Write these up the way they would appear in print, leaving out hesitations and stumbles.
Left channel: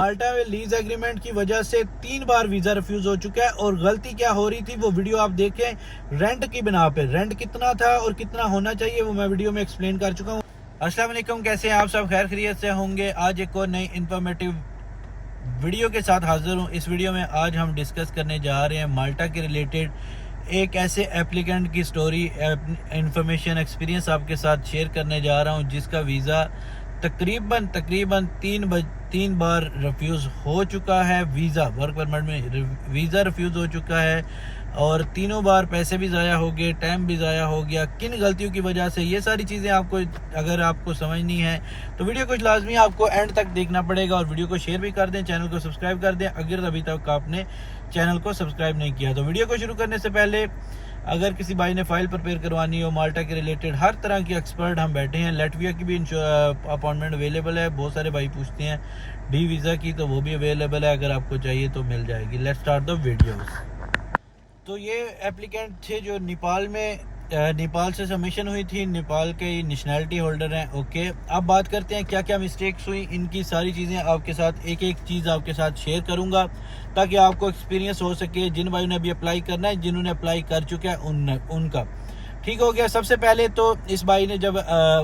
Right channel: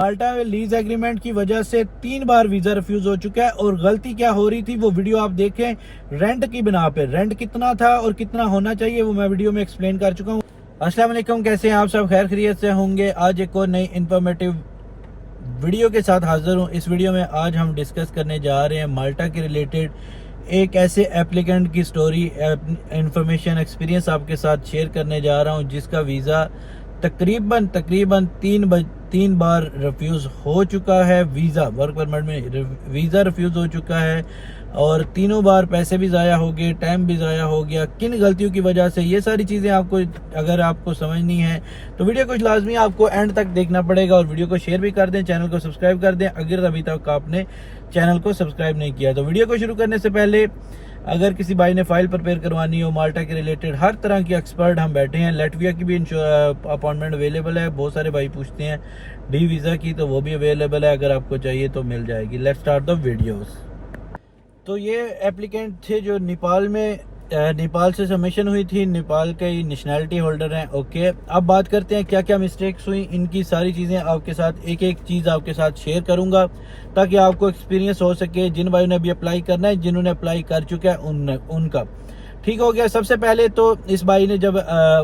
माल्टा में lease agreement की वजह से 3 बार वीजा रिफ्यूज हो चुका है और गलती क्या हो रही थी वो वीडियो आप देखें। रेंट की बिना पे रेंट कितना था और कितना होना चाहिए वो मैं वीडियो में एक्सप्लेन कर चुका हूँ। अस्सलाम वालेकुम, कैसे हैं आप सब? खैर खैरियत से होंगे। आज एक और नई इंफॉर्मेटिव वीडियो के साथ हाजिर हूँ। इस वीडियो में आज हम डिस्कस करने जा रहे हैं माल्टा के रिलेटेड एक ऐसे एप्लीकेंट की स्टोरी, इंफॉर्मेशन, एक्सपीरियंस आपके साथ शेयर करने जा रहा हूँ जिसका वीज़ा तकरीबन 3 बार रिफ्यूज़ हो चुका है। वीज़ा वर्क परमिट में वीज़ा रिफ्यूज़ हो चुका है और तीनों बार पैसे भी ज़ाया हो गए, टाइम भी ज़ाया हो गया। किन गलतियों की वजह से, ये सारी चीज़ें आपको अगर आपको समझनी है तो वीडियो को लाजमी आपको एंड तक देखना पड़ेगा और वीडियो को शेयर भी कर दें, चैनल को सब्सक्राइब कर दें अगर अभी तक आपने चैनल को सब्सक्राइब नहीं किया। तो वीडियो को शुरू करने से पहले अगर किसी भाई ने फाइल प्रिपेयर करवानी हो माल्टा के रिलेटेड, हर तरह के एक्सपर्ट हम बैठे हैं। लैटविया की भी अपॉइंटमेंट अवेलेबल है। बहुत सारे भाई पूछते हैं डी वीज़ा की, तो वो भी अवेलेबल है। अगर आपको चाहिए तो मिल जाएगी। Let's start the videos. तो ये एप्लीकेंट थे जो नेपाल से सबमिशन हुई थी। नेपाल के नेशनैलिटी होल्डर हैं। ओके, अब बात करते हैं क्या क्या मिस्टेक्स हुई। इनकी सारी चीज़ें आपके साथ एक एक चीज़ आपके साथ शेयर करूंगा ताकि आपको एक्सपीरियंस हो सके। जिन भाइयों ने अभी अप्लाई करना है, जिन्होंने अप्लाई कर चुका है उनका ठीक हो गया। सबसे पहले तो इस भाई ने जब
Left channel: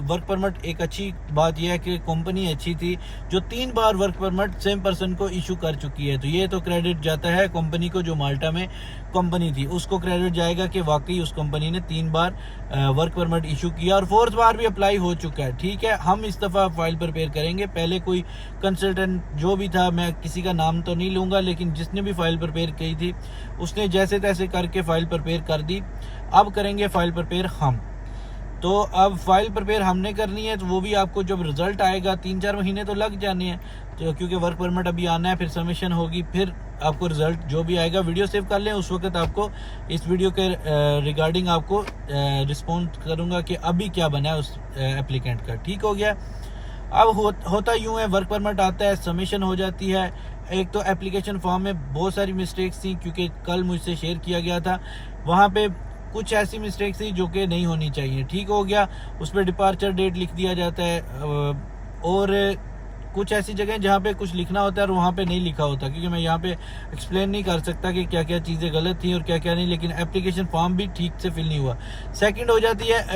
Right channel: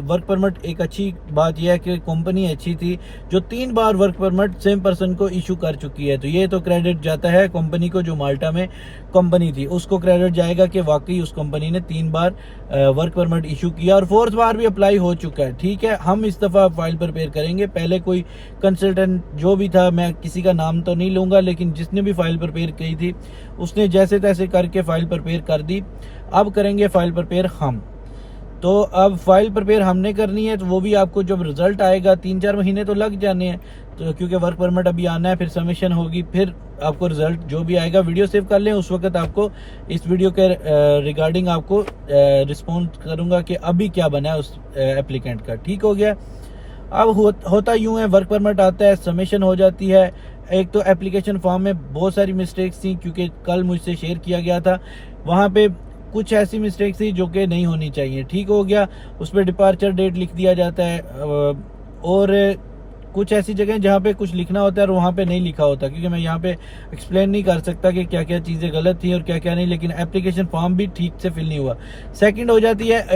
वर्क परमिट, एक अच्छी बात यह है कि कंपनी अच्छी थी जो 3 बार वर्क परमिट सेम पर्सन को इशू कर चुकी है। तो ये तो क्रेडिट जाता है कंपनी को, जो माल्टा में कंपनी थी उसको क्रेडिट जाएगा कि वाकई उस कंपनी ने 3 बार वर्क परमिट इशू किया और 4th बार भी अप्लाई हो चुका है। ठीक है, हम इस दफ़ा फाइल प्रिपेयर करेंगे। पहले कोई कंसल्टेंट जो भी था, मैं किसी का नाम तो नहीं लूँगा, लेकिन जिसने भी फाइल प्रिपेयर की थी उसने जैसे तैसे करके फाइल प्रिपेयर कर दी। अब करेंगे फाइल प्रिपेयर हम। तो अब फाइल प्रिपेयर हमने करनी है, तो वो भी आपको जब रिजल्ट आएगा 3-4 महीने तो लग जाने हैं, तो क्योंकि वर्क परमिट अभी आना है, फिर सबमिशन होगी, फिर आपको रिजल्ट जो भी आएगा। वीडियो सेव कर लें, उस वक्त आपको इस वीडियो के रिगार्डिंग आपको रिस्पॉन्स करूंगा कि अभी क्या बना है उस एप्लीकेंट का। ठीक हो गया। अब होता यूं है, वर्क परमिट आता है, सबमिशन हो जाती है। एक तो एप्लीकेशन फॉर्म में बहुत सारी मिस्टेक्स थी, क्योंकि कल मुझसे शेयर किया गया था, वहाँ पे कुछ ऐसी मिस्टेक्स थी जो कि नहीं होनी चाहिए। ठीक हो गया। उस पर डिपार्चर डेट लिख दिया जाता है और कुछ ऐसी जगह जहाँ पे कुछ लिखना होता है और वहाँ पे नहीं लिखा होता, क्योंकि मैं यहाँ पे एक्सप्लेन नहीं कर सकता कि क्या क्या चीज़ें गलत थी और क्या क्या नहीं, लेकिन एप्लीकेशन फॉर्म भी ठीक से फिल नहीं हुआ। सेकंड हो जाती है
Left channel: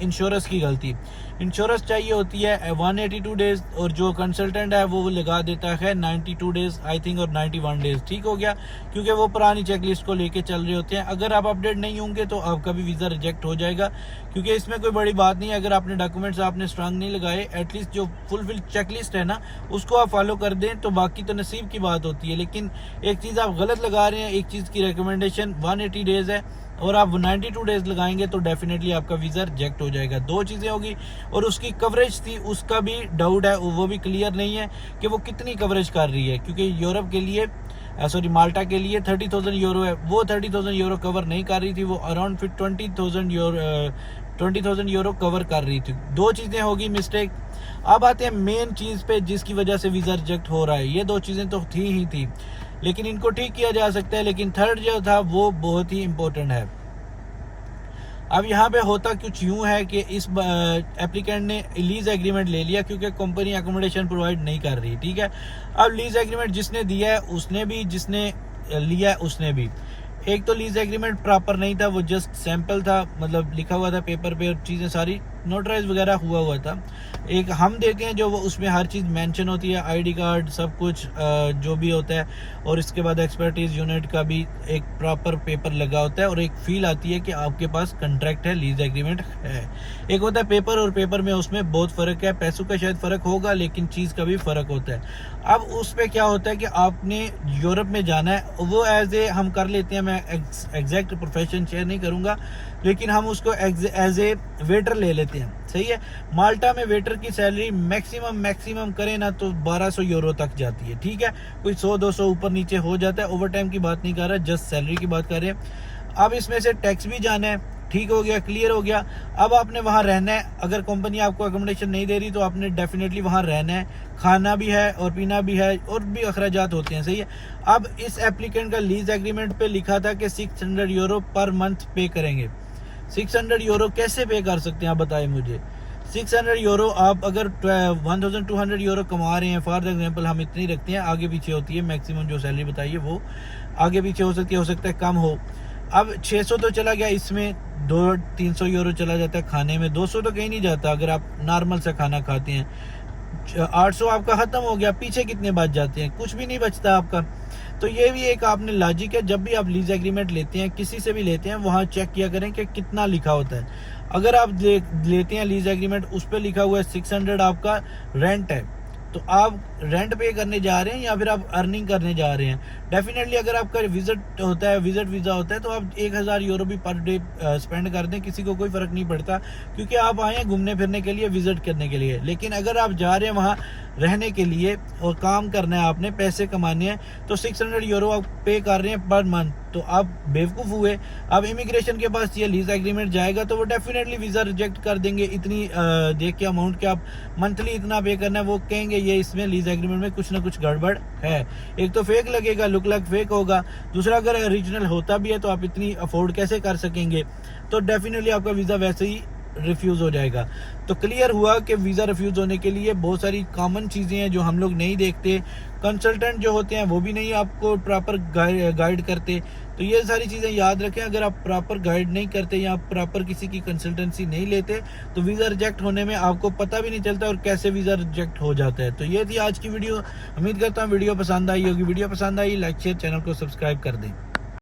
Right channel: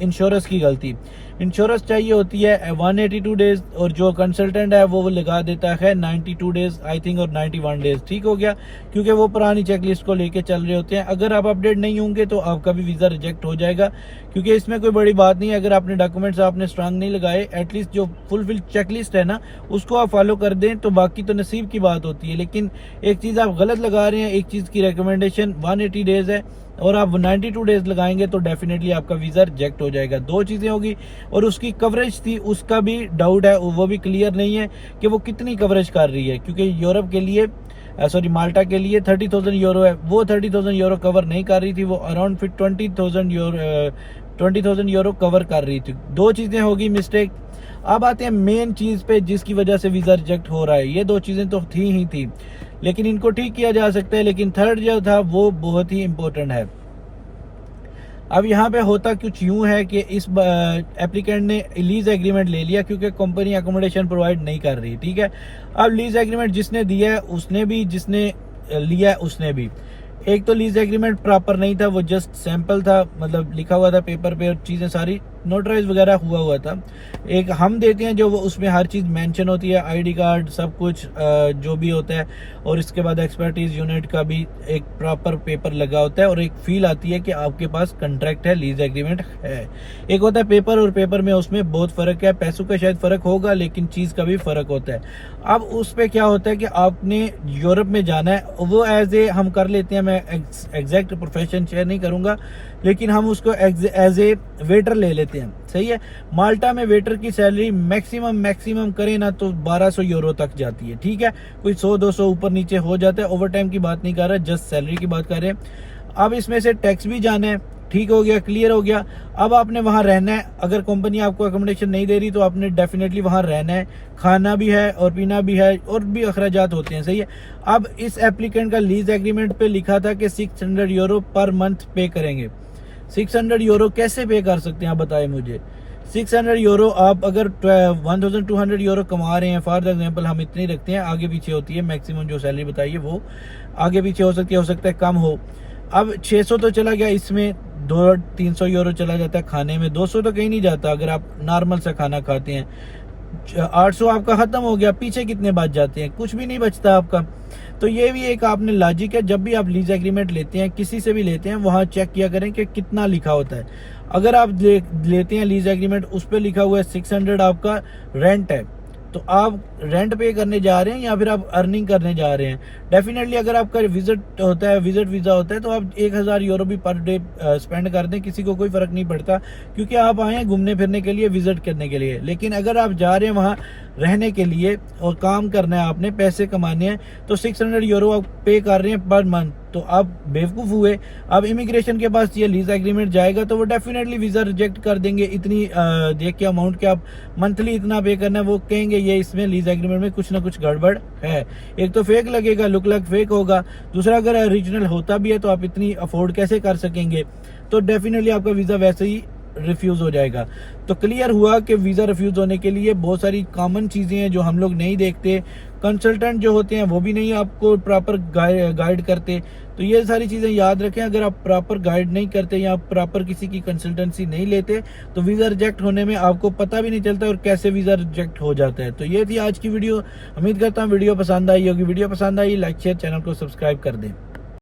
इंश्योरेंस की गलती। इंश्योरेंस चाहिए होती है 182 डेज और जो कंसल्टेंट है वो लगा देता है 92 डेज आई थिंक और 91 डेज। ठीक हो गया, क्योंकि वो पुरानी चेकलिस्ट को लेके चल रहे होते हैं। अगर आप अपडेट नहीं होंगे तो आपका भी वीज़ा रिजेक्ट हो जाएगा, क्योंकि इसमें कोई बड़ी बात नहीं है। अगर आपने डॉक्यूमेंट्स आपने स्ट्रांग नहीं लगाए, एटलीस्ट जो फुलफिल चेकलिस्ट है ना उसको आप फॉलो कर दें, तो बाकी तो नसीब की बात होती है। लेकिन एक चीज़ आप गलत लगा रहे हैं, एक चीज़ की रिकमेंडेशन 180 डेज है और आप 92 डेज लगाएंगे तो डेफिनेटली आपका वीज़ा रिजेक्ट हो जाएगा। 2 चीज़ें होगी। और उसकी कवरेज थी, उसका भी डाउट है, वो भी क्लियर नहीं है कि वो कितनी कवरेज कर रही है, क्योंकि यूरोप के लिए माल्टा के लिए 30,000 यूरो है, वो 30,000 यूरो कवर नहीं कर रही थी, वो अराउंड फिर 20,000 यूरो कवर कर रही थी। 2 चीज़ें होगी मिस्टेक। अब आते हैं मेन चीज़ पे जिसकी वजह से वीज़ा रिजेक्ट हो रहा है। ये 2 चीज़ें तो थी लेकिन इनको ठीक किया जा सकता है, लेकिन थर्ड जो था वो बहुत ही इम्पोर्टेंट है। अब यहाँ पे होता कुछ यूँ है कि इस एप्लीकेंट ने लीज एग्रीमेंट ले लिया, क्योंकि कंपनी अकोमोडेशन प्रोवाइड नहीं कर रही। ठीक है, अब लीज एग्रीमेंट जिसने दिया है उसने भी, जिसने लिया है उसने भी। एक तो लीज एग्रीमेंट प्रॉपर नहीं था, वो जस्ट सैंपल था, मतलब लिखा हुआ था पेपर पे और चीज़ें सारी नोटराइज वगैरह हुआ था। एक हम देते हैं जो वो उसमें हर चीज़ मेंशन होती है, आईडी कार्ड सब कुछ जो भी होता है, और इसके बाद एक्सपर्टीज यूनिट का भी एक प्रॉपर पेपर लगा होता है और एक फील आती है कि आपके पास कॉन्ट्रैक्ट है, लीज एग्रीमेंट है। एक होता है पेपर और पेपर में, उसमें बहुत फ़र्क है। पैसों का शायद फ़र्क होगा लेकिन चीज़ का भी फ़र्क होता है। अब उस पर क्या होता है कि आपने यूरोप में जाना है, वो एज ए हम कर लेते हैं, मैं एग्जैक्ट प्रोफेशन शेयर नहीं करूँगा, लेकिन हम उसको एज ए वेटर ले लेते हैं। सही है, माल्टा में वेटर की सैलरी मैक्सिमम करें ना तो 1200 यूरो तक जाती है। ठीक है, कोई 100-200 ऊपर नीचे हो जाता है। ओवर टाइम की बात नहीं कर रहा, जस्ट सैलरी की बात कर रहे हैं। अब इसमें से टैक्स भी जाना है। ठीक हो गया, क्लियर हो गया। अब आपने वहाँ रहना है। अगर कंपनी आपको अकोमोडेशन नहीं दे रही तो आपने डेफिनेटली वहाँ रहना है, खाना भी है और पीना भी है और भी अखराजात होते हैं। सही है। अब इस एप्लीकेंट का लीज एग्रीमेंट पे लिखा था कि 600 यूरो पर मंथ पे करेंगे। 600 यूरो कैसे पे कर सकते हैं आप बताएं मुझे? 600 यूरो आप अगर 1200 यूरो कमा रहे हैं, फॉर एग्जांपल हम इतनी रखते हैं, आगे पीछे होती है मैक्सिमम जो सैलरी बताइए वो आगे पीछे हो सकता है कम हो। अब 600 तो चला गया, इसमें 200-300 यूरो चला जाता है खाने में, 200 तो कहीं नहीं जाता अगर आप नॉर्मल सा खाना खाते हैं। 800 आपका खत्म हो गया, पीछे कितने बच जाते हैं? कुछ भी नहीं बचता आपका। तो ये भी एक आपने लॉजिक है, जब भी आप लीज एग्रीमेंट लेते हैं, किसी से भी लेते हैं, वहां चेक किया करें कि कितना लिखा होता है। अगर आप लेते हैं लीज एग्रीमेंट, उस पर लिखा हुआ है 600 आपका रेंट है, तो आप रेंट पे करने जा रहे हैं या फिर आप अर्निंग करने जा रहे हैं। डेफिनेटली अगर आपका विजिट होता है, विजिट वीज़ा होता है, तो आप 1000 यूरो भी पर डे स्पेंड कर दें, किसी को कोई फ़र्क नहीं पड़ता, क्योंकि आप आए हैं घूमने फिरने के लिए, विजिट करने के लिए। लेकिन अगर आप जा रहे हैं वहाँ रहने के लिए और काम करना है, आपने पैसे कमाने हैं, तो 600 यूरो आप पे कर रहे हैं पर मंथ, तो आप बेवकूफ़ हुए। अब इमिग्रेशन के पास ये लीज एग्रीमेंट जाएगा तो वो डेफिनेटली वीज़ा रिजेक्ट कर देंगे। इतनी देख के अमाउंट के आप मंथली इतना पे करना है, वो कहेंगे ये इसमें लीज एग्रीमेंट में कुछ ना कुछ गड़बड़ है। एक तो फेक लगेगा, लुक लाइक फेक होगा, दूसरा अगर ओरिजिनल होता भी है तो आप इतनी अफोर्ड कैसे कर सकेंगे? तो डेफिनेटली आपका वीज़ा वैसे ही रिफ्यूज हो जाएगा। तो क्लियर हुआ कि वीज़ा रिफ्यूज होने के लिए बहुत सारी कॉमन चीज़ें हैं जो हम लोग नहीं देखते, कंसल्टेंट जो होते हैं वो भी नहीं आपको प्रॉपर गाइड करते। तो ये सारी चीज़ें याद रखें, अगर आप प्रॉपर गाइड नहीं करते या प्रॉपर किसी की कंसल्टेंसी नहीं लेते तो वीज़ा रिजेक्ट होने में आपको पता भी नहीं चलता और कैसे वीज़ा रिजेक्ट हो जाता है। तो ये थी आज की वीडियो, उम्मीद करता हूँ वीडियो पसंद आई होगी। वीडियो पसंद आई, लाइक शेयर, चैनल को सब्सक्राइब कर दें।